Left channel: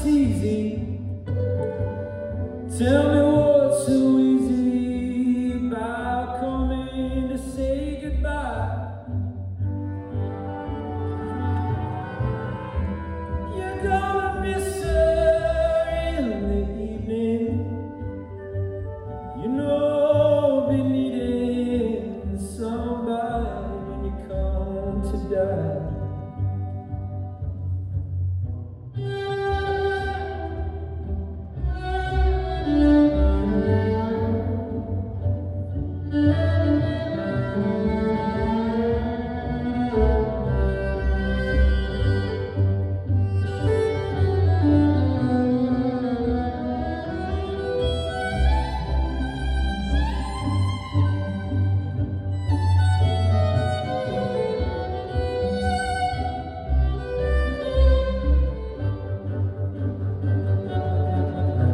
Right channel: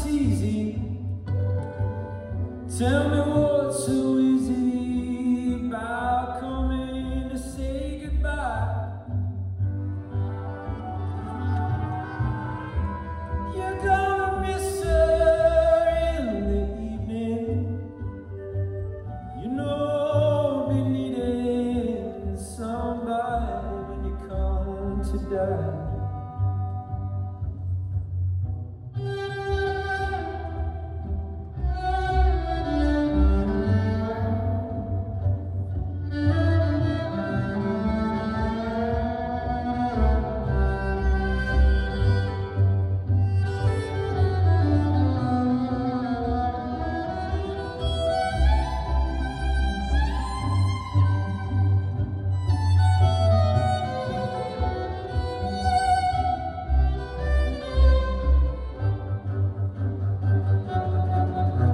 it's easy. Tell me what's so easy about coming to say goodbye. You're gonna miss her in the evening. You know, be needing somebody when you come to die.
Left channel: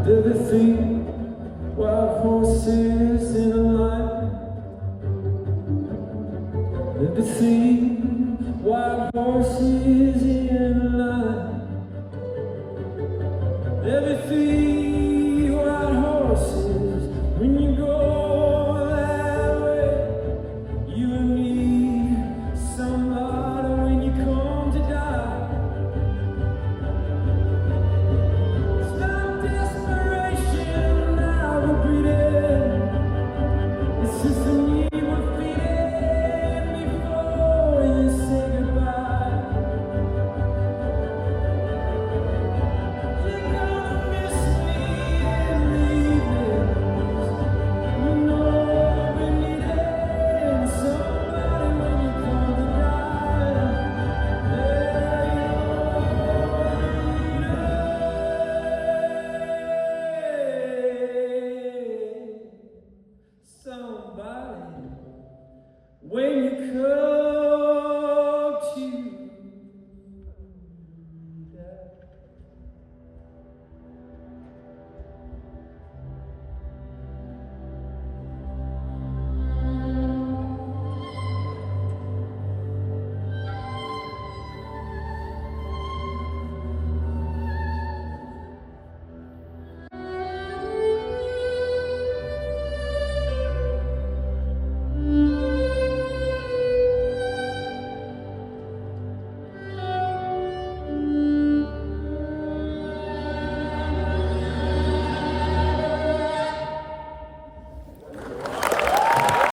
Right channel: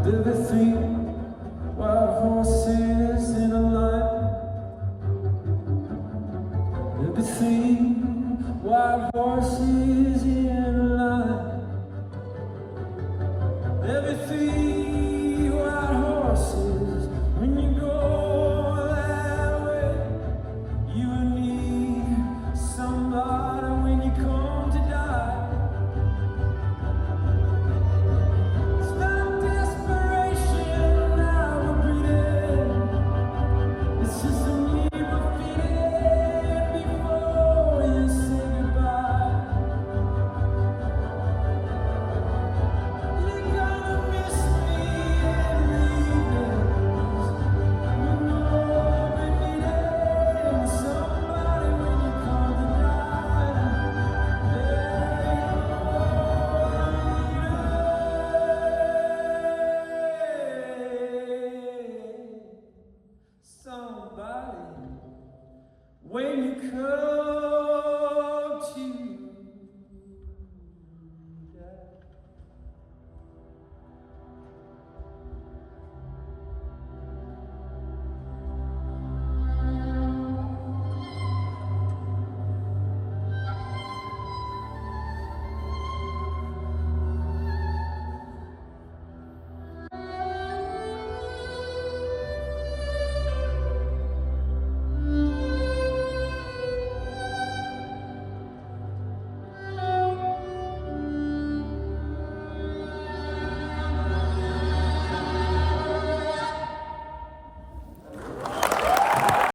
Everything, wild horses in a line. Everything, wild horses in